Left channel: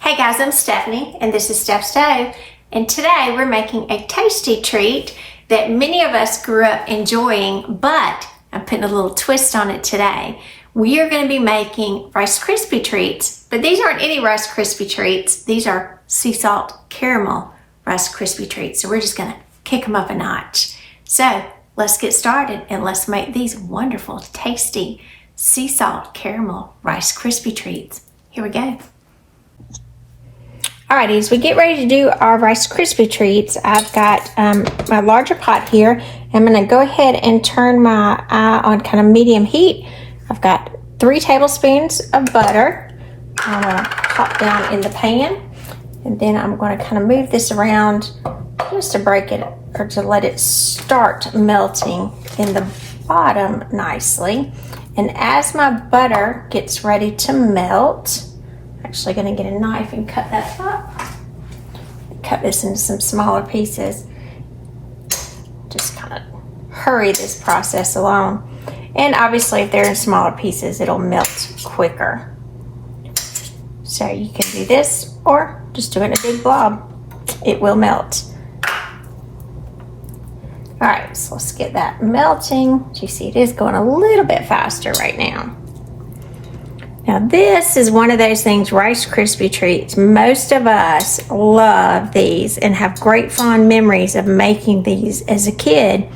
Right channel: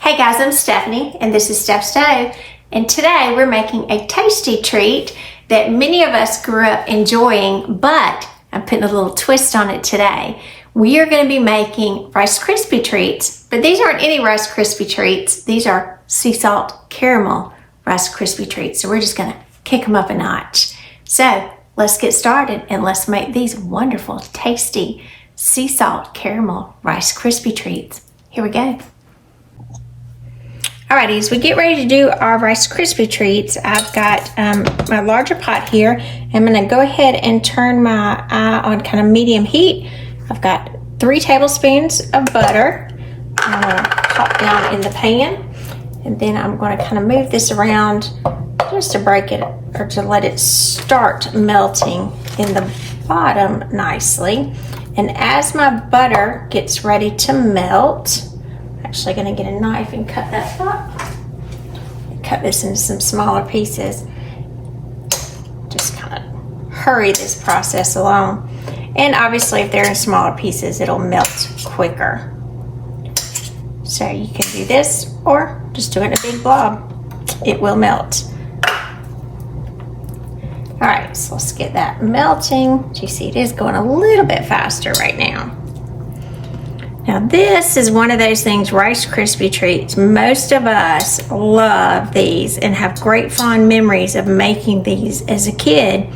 Hey guys, I'm Stephanie and this is Steph Stove, and today we're making a tasty treat that many of us grew up enjoying, but I'm putting a little twist on it today. We are going to be making Rice Krispie treats, but these aren't any Rice Krispie treats. These are sea salt caramel Rice Krispie treats, so we're just going to kick them up a notch. So let's get started and let's make these wonderful, tasty sea salt caramel Rice Krispie treats. Here we go. Alrighty, as we get ready to do our Rice Krispie treats, I've got my larger pot here. I'm going to go ahead and turn my eye on kind of medium heat. I've got 3 tablespoons of butter. I'm going to pop down in the pan, and then I'm going to kind of move this around just to break it or to let it start melting in the bottom nicely. And as my butter gets ready to melt, actually going to get a knife and cut that up. Cut this into some smaller pieces. Just kind of hurry this process along. And obviously if they're in smaller pieces, it'll melt quicker. So you can do this or just do it in a big blob. It will melt. Alright, so let's get that melting. You see it is going a little bit faster right now. Now this is one of those things, Rice Krispie treats. Most of us love these and have great fond memories of making these as a kid.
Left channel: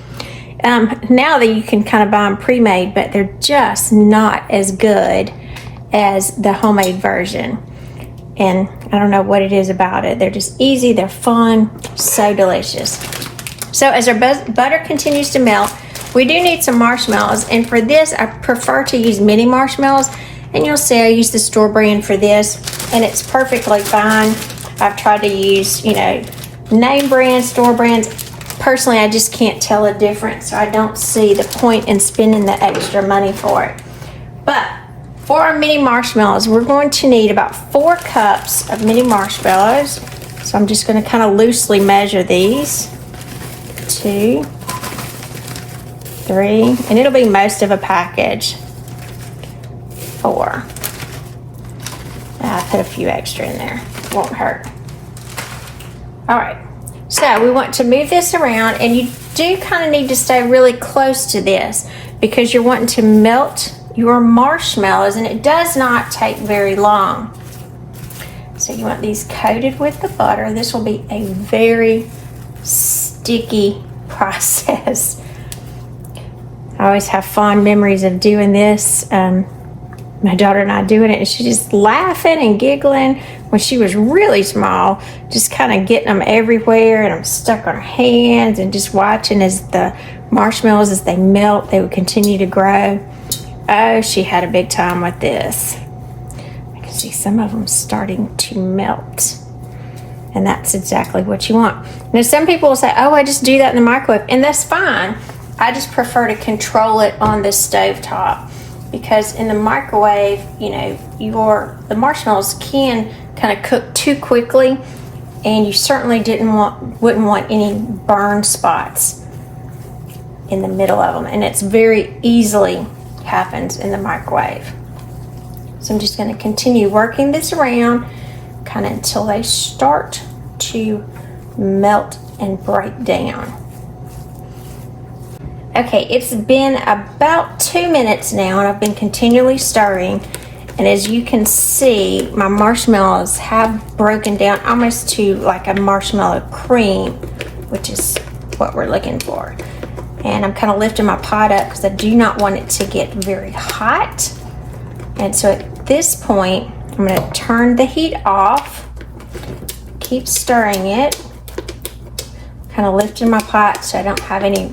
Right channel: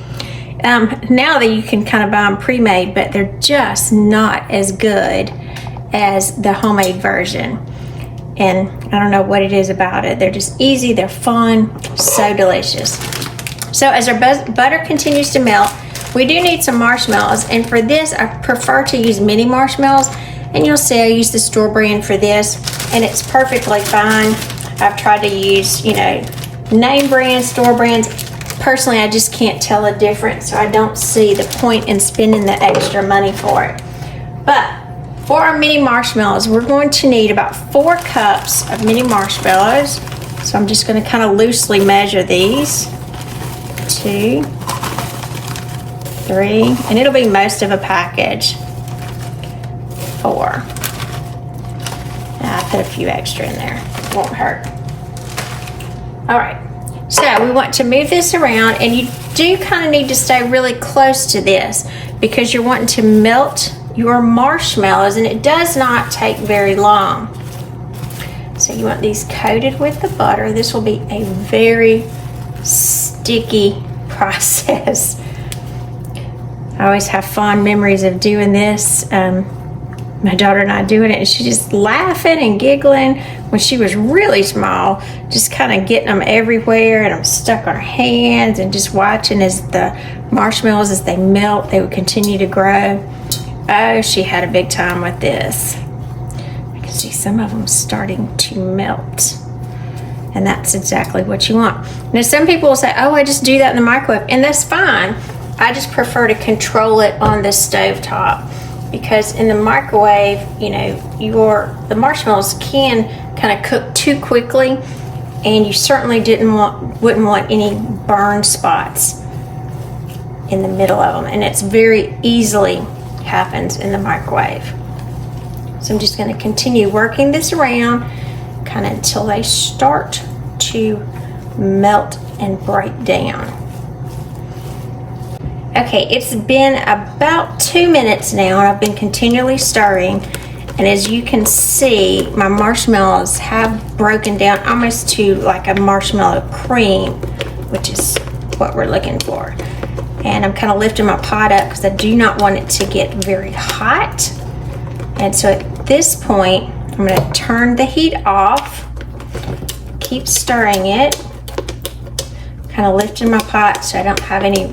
Now that you can kind of buy them pre-made, but they're just not as good as the homemade version. And I don't know what it is about it. They're just easy, they're fun, so delicious. So as our butter continues to melt, we do need some marshmallows. And for this, I prefer to use mini marshmallows. And you'll see I use the store brand for this, and it's perfectly fine. I've tried to use, name brands, store brands. Personally, I just can't tell a difference, so I don't see the point in spending the extra money for it. But for our mini marshmallows, we're going to need about 4 cups of mini marshmallows. So I'm just going to kind of loosely measure these. 2, 3, and it'll be most of a package. 4. I'll put a few extra in there. Won't hurt. Alright, so we want to move this around, and you do kind of need to stay really close to this because you're wanting to melt your marshmallows, and it does not take very long. So you want these coated with the butter. This will be a very sticky process. I always have fond memories of doing this. My daughter and I doing it, and she's just laughing and giggling when she was really small, just kind of getting them everywhere, and I'm stuck on her hands and just watching as the marshmallows, as they melt, they would continue to grow. Oh, she had a big time with this. I can see some of them starting to melt, and that's exactly what you want. Now some people will say, oh, I just do that in the microwave, and that's fine. I just prefer to control it on the stove top. Because in the microwave, the marshmallows can kind of cook too quickly, and you certainly wouldn't want any burn spots in the middle of them, and it's very easily happens in the microwave. So I'm just going to continue working this around kind of until they start to melt and break down. Okay, it's been about 2 minutes now, and I've been continually stirring. And as you can see, my marshmallows have broken down almost to like a marshmallow cream, which is what we're looking for. And I'm kind of lifting my pot up because I do not want it to get very hot. And so at this point, I'm going to turn the heat off, keep stirring it, kind of lifting my pot so I don't have any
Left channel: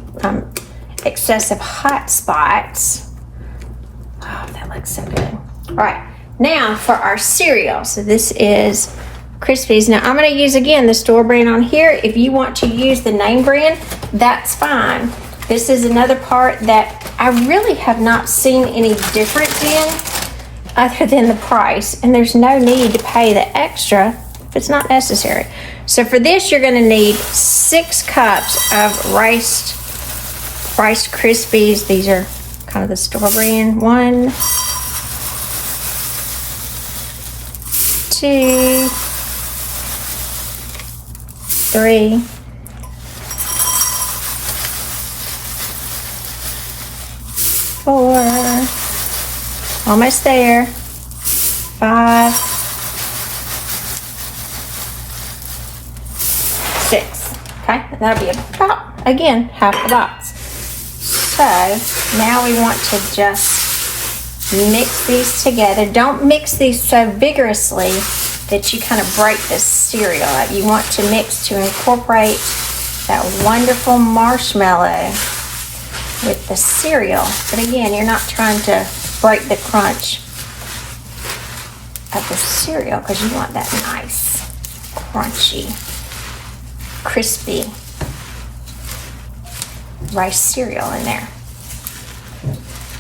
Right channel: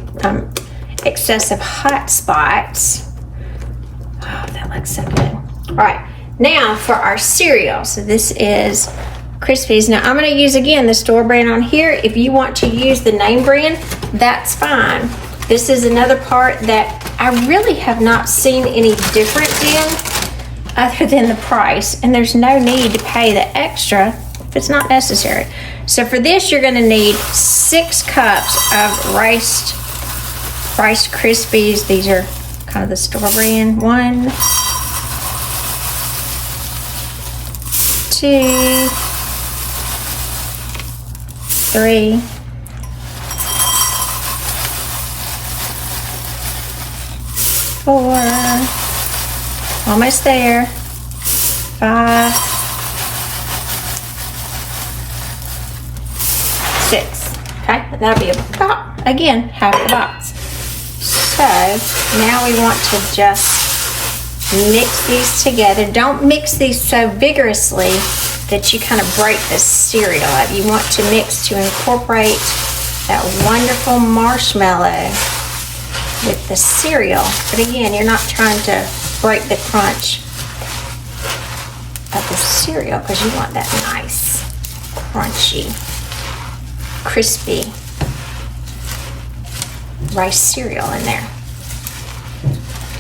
excessive hot spots. Oh, that looks so good. All right, now for our cereal. So this is Krispies. Now I'm going to use again the store brand on here. If you want to use the name brand, that's fine. This is another part that I really have not seen any difference in other than the price, and there's no need to pay the extra if it's not necessary. So for this, you're going to need 6 cups of Rice Krispies. These are kind of the store brand. 1, 2, 3, 4, almost there, 5, 6. Okay, and that'll be about, again, half the box. So now we want to just mix these together. Don't mix these so vigorously that you kind of break the cereal up. You want to mix to incorporate that wonderful marshmallow with the cereal. But again, you're not trying to break the crunch of the cereal because you want that nice, crunchy, crispy rice cereal in there.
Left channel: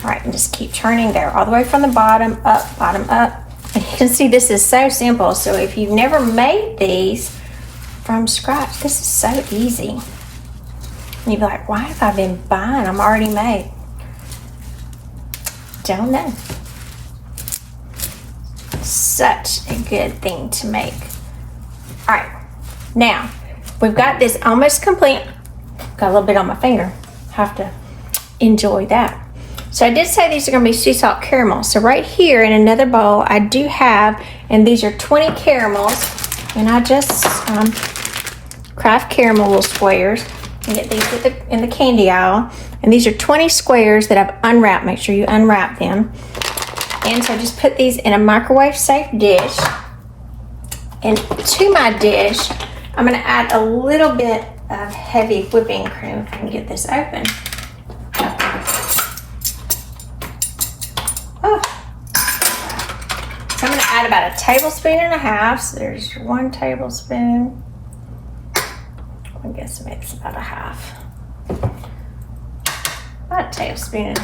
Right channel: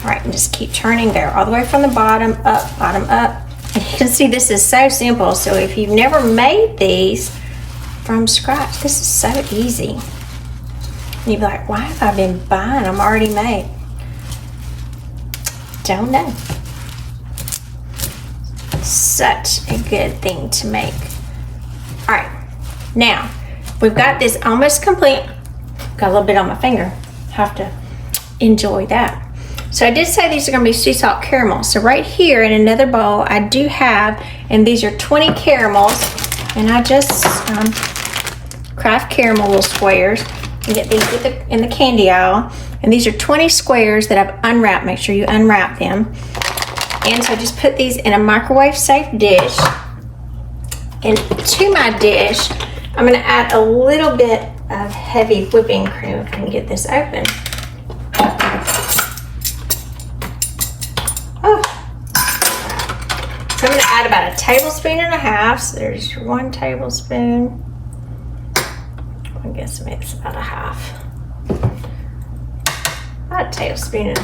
All right, and just keep turning there, all the way from the bottom up, bottom up. And you can see this is so simple. So if you've never made these from scratch, this is so easy. And you'd be like, why have I been buying them already made? Don't know. Such a good thing to make. All right, now we've got this almost complete. Got a little bit on my finger. Have to enjoy that. So I did say these are going to be sea salt caramels. So right here in another bowl, I do have, and these are 20 caramels, and I just Kraft Caramel little squares. You get these in the candy aisle, and these are 20 squares that I've unwrapped. Make sure you unwrap them. And so I just put these in a microwave safe dish. And to my dish, I'm going to add a little bit of heavy whipping cream if I can get this open. So I'm going to add about 1.5 tablespoons. So there's 1 tablespoon. I guess maybe it's about 1/2. About 1.5 tablespoons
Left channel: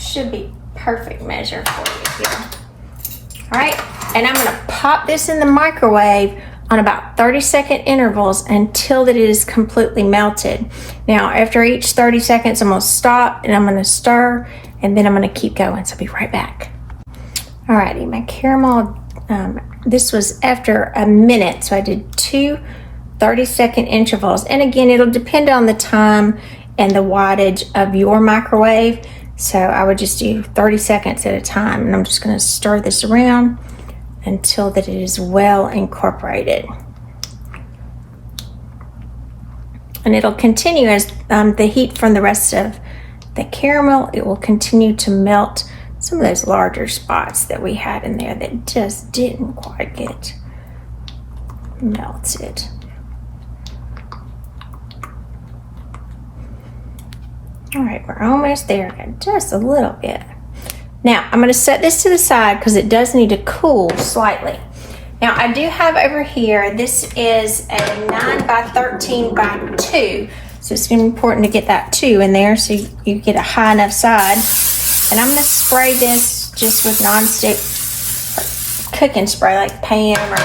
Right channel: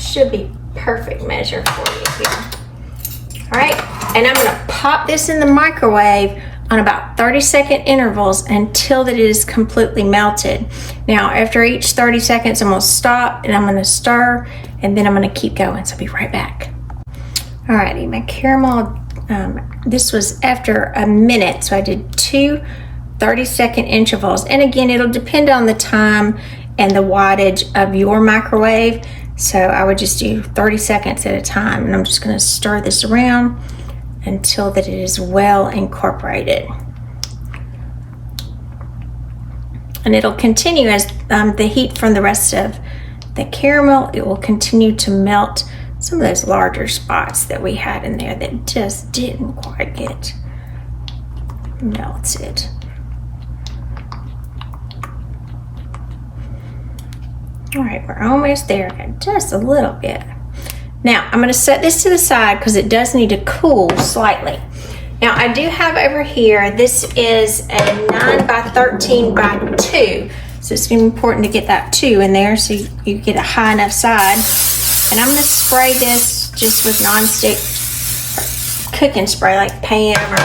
should be perfect measure for you here. All right, and I'm going to pop this in the microwave on about 30-second intervals until that it is completely melted. Now, after each 30 seconds, I'm going to stop and I'm going to stir, and then I'm going to keep going. So I'll be right back. Alrighty, my caramel, this was after a minute, so I did 2 30-second intervals. And again, it'll depend on the time and the wattage of your microwave. So I would just do 30 seconds at a time, and I'm just going to stir this around until that it is well incorporated. And it'll continue as the heat from the rest of the caramel, it will continue to melt some of those larger spots that we had in there that just didn't quite get melted. All right, we're almost there, just a little bit. Now, I'm going to set this to the side because it does need to cool slightly. Now, I do have over here, this is a 9 by 13 by 2. So it's important to get that 2 in there so you get a high enough side. And I'm going to spray this just with nonstick cooking spray like Pam or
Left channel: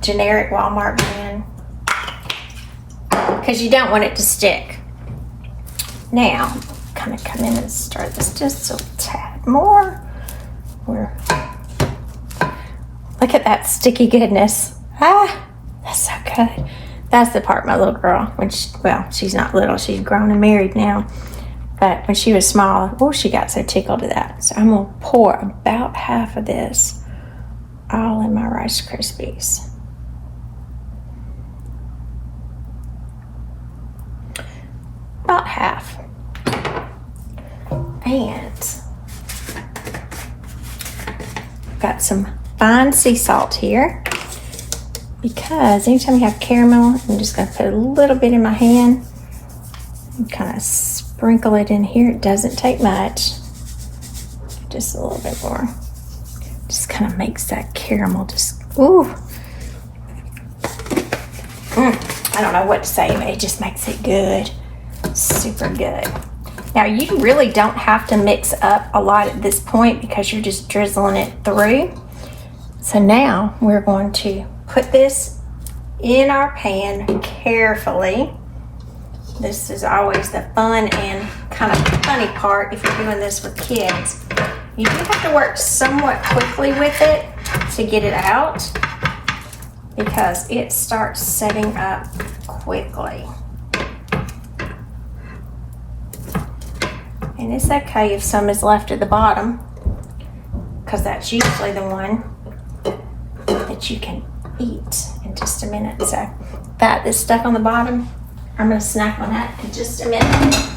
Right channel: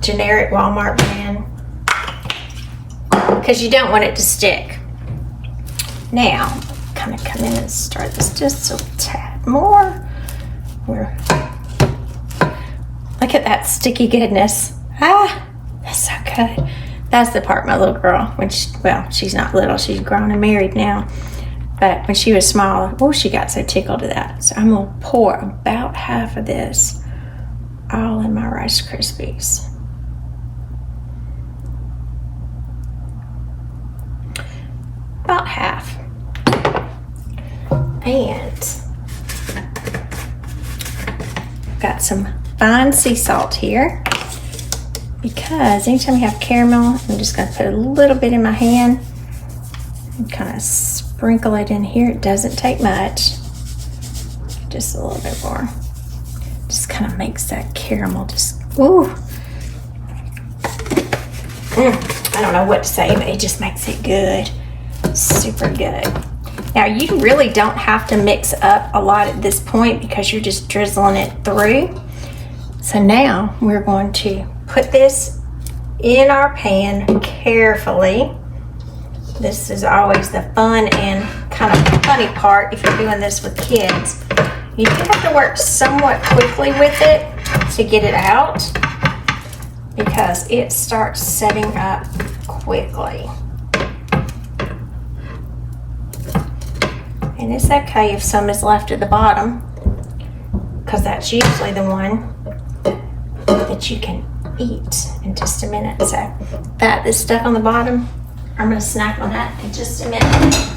generic Walmart brand, because you don't want it to stick. Now, kind of come in and start this just a tad more. Look at that sticky goodness. Ah, that's so good. That's the part my little girl, she's not little, she's grown and married now. But when she was small, oh, she got so tickled at that. So I'm going to pour about half of this all in my Rice Krispies. About half. And got some fine sea salt here, because anytime you have caramel, I'm just going to put a little bit in my hand and kind of sprinkle it in here. It doesn't take much, just a little bit more. Just kind of makes that caramel just, ooh. I don't know what to say, but it just makes it good. Super good. Now, you really don't have to mix up a lot at this point because you're just drizzling it through. So now we're going to put this in our pan carefully. This is always the fun and kind of funny part if you're doing this with kids. You do have to work somewhat quickly with it to get it out, because it starts setting up quickly. And it's okay if some is left at the bottom, because that's usually the one that you can eat in just a minute. So that is stuck on the bottom, I'm going to snack on that in just a minute.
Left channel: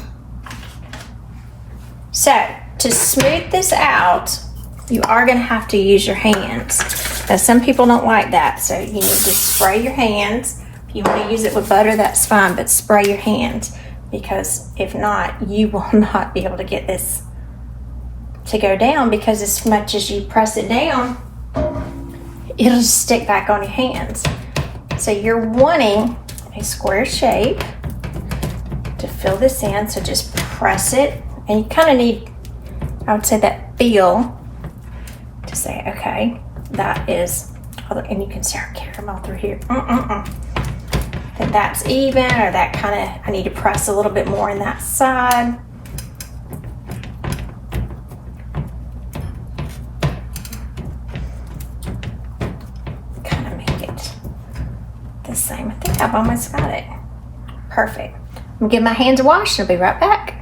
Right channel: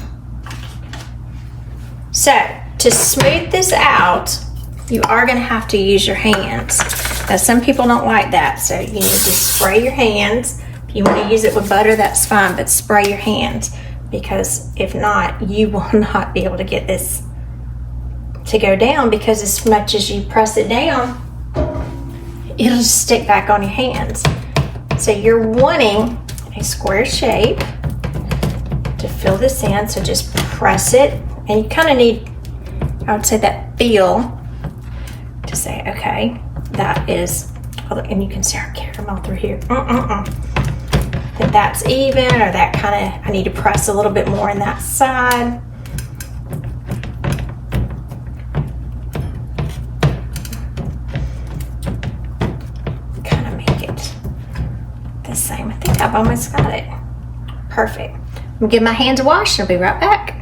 So to smooth this out, you are going to have to use your hands. Now some people don't like that, so you need to spray your hands. If you want to use it with butter, that's fine, but spray your hands, because if not, you will not be able to get this to go down, because as much as you press it down, it'll just stick back on your hands. So you're wanting a square shape to fill this in, so just press it, and you kind of need, I would say, that feel to say, okay, that is, and you can see our caramel through here. That that's even, or that kind of, I need to press a little bit more in that side. Kind of make it the same. I think I've almost got it. Perfect. I'm gonna give my hands a wash and I'll be right back.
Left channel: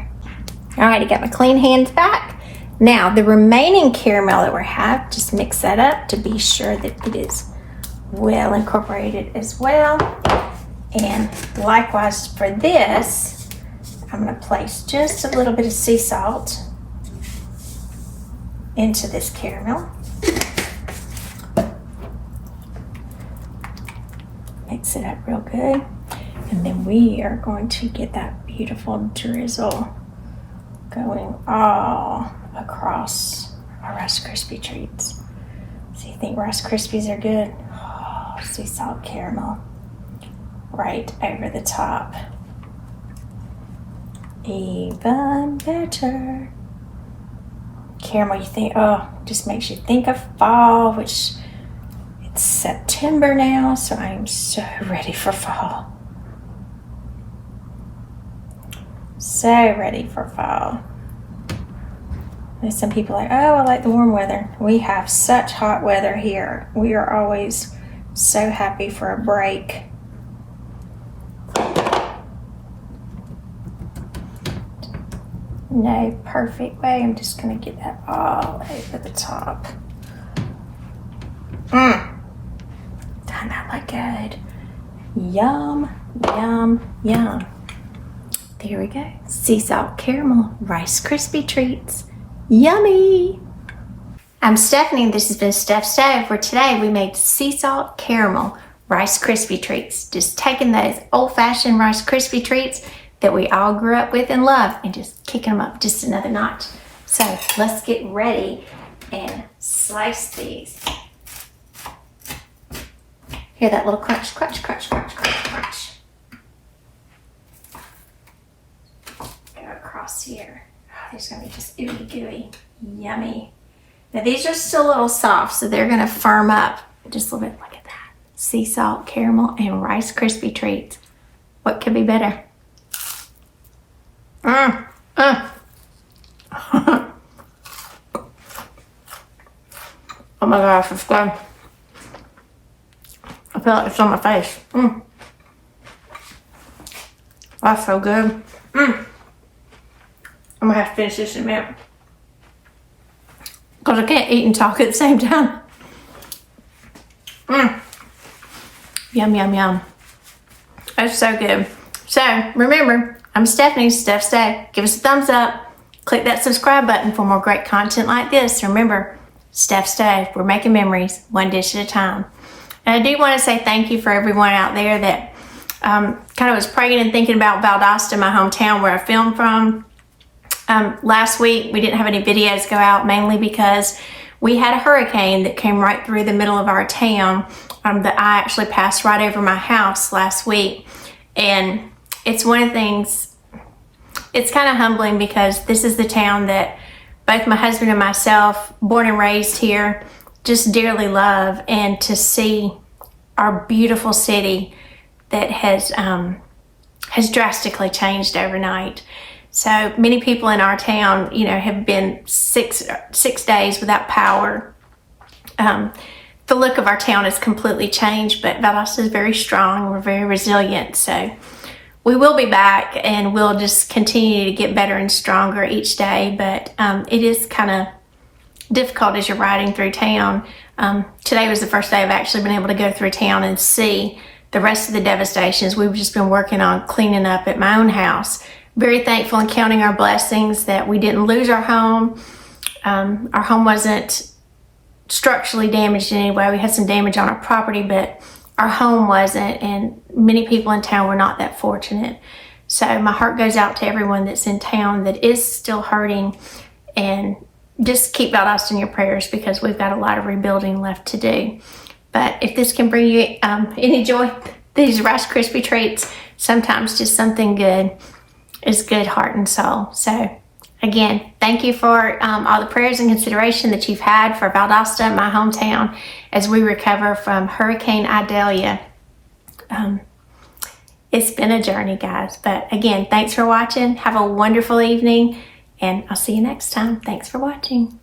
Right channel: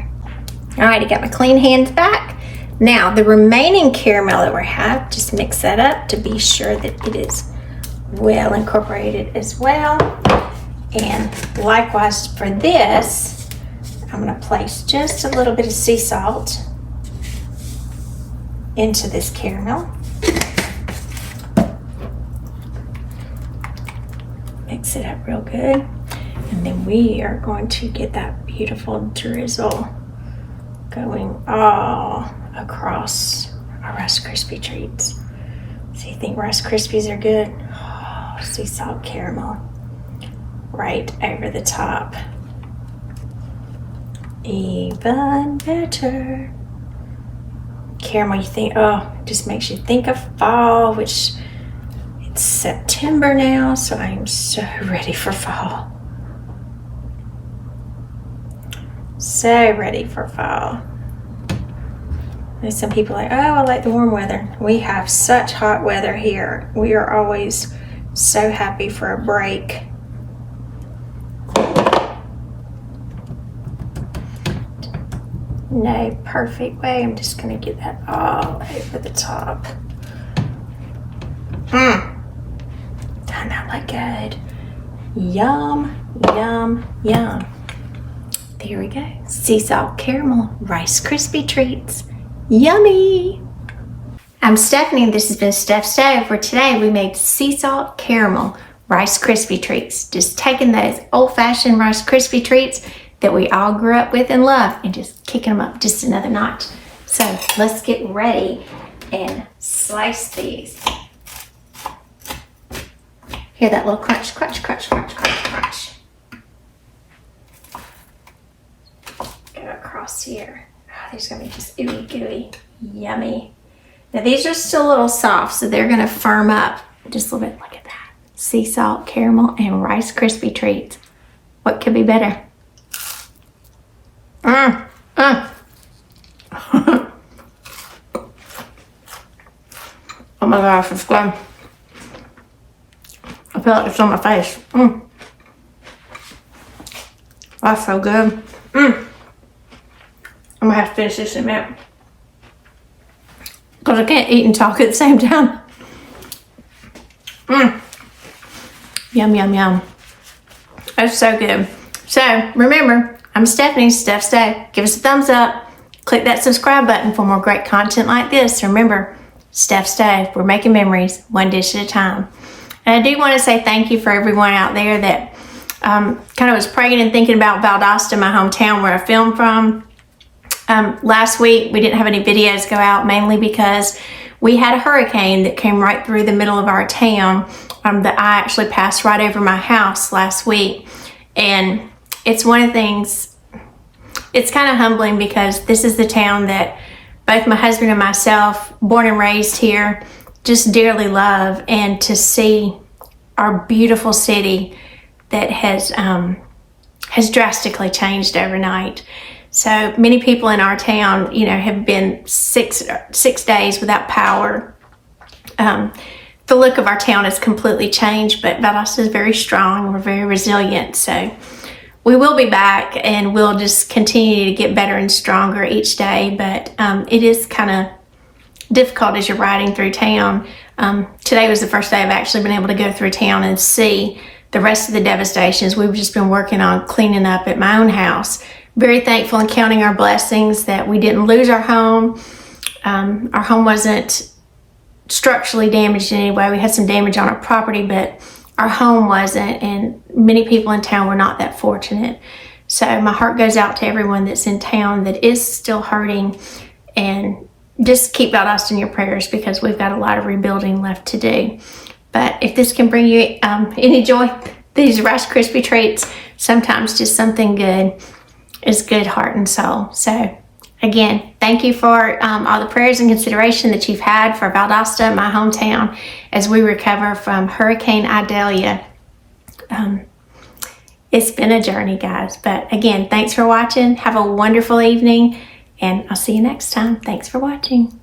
All right, I got my clean hands back. Now the remaining caramel that we have, just mix that up to be sure that it is well incorporated as well. And likewise for this, I'm gonna place just a little bit of sea salt into this caramel. Mix it up real good. And then we are going to get that beautiful drizzle going all across our Rice Krispie treats. So you think Rice Krispies are good? Oh, sea salt caramel right over the top. Even better. Caramel, you think, oh, it just makes you think of fall, which it's September now, so I am so ready for fall. So ready for fall. There's some people like, oh, I like the warm weather. We have such hot weather here. We are always so happy for a break. No perfect way. I'm just gonna get that all over the top. Doesn't that look good? Yum, yum, yum. There we go. Sea salt caramel Rice Krispie treats. Yummy! I'm Stephanie and this has been Steph Stove, where today we made sea salt caramel Rice Krispie treats. Just taking those old-fashioned Rice Krispie treats that we all grew up with and love and just kicking them up just another notch. So let's get ready and slice these. Hear that little crunch, crunch, crunch, crunch, crunch, crunch. Go across here. Oh, these are gonna be just ooey gooey, yummy. Now these are still a little soft, so they're gonna firm up just a little bit. Look at that. Sea salt, caramel, and Rice Krispie treats. What could be better? Oh my gosh, it's good. I feel like it's on my face. That's so good. I'm gonna have to finish this in a minute, because I can't eat and talk at the same time. Yum, yum, yum. That's so good. So remember, I'm Stephanie, Steph Stove. Give us a thumbs up. Click that subscribe button for more great content like this. Remember, Steph Stove, we're making memories one dish at a time. And I do want to say thank you for everyone out there that kind of was praying and thinking about Valdosta, my hometown where I filmed from. Last week, we didn't have any videos go out, mainly because we had a hurricane that came right through the middle of our town. That I actually passed right over my house last week. And it's one of the things, it's kind of humbling, because this is the town that both my husband and myself, born and raised here, just dearly love. And to see our beautiful city that has drastically changed overnight. So many people in our town, you know, have been six days without power. the look of our town has completely changed, but Valdosta is very strong. We're very resilient. So we will be back, and we'll just continue to get better and stronger each day. But it is kind of difficult as you're riding through town. Today was the first day I've actually been able to go through town and see the rest of the devastations. We've just been working on cleaning up at my own house. Very thankful and counting our blessings that we didn't lose our home. Our home wasn't structurally damaged in any way. We had some damage on our property, but our home wasn't, and many people in town were not that fortunate. So my heart goes out to everyone that's in town that is still hurting, and just keep Valdosta in your prayers because we've got a lot of rebuilding left to do. But if this can bring you any joy, these Rice Krispie treats, sometimes just something good is good heart and soul. So again, thank you for all the prayers and consideration that you've had for Valdosta, my hometown, as we recover from Hurricane Idalia. It's been a journey, guys. But again, thanks for watching. Have a wonderful evening, and I'll see you next time. Thanks for watching.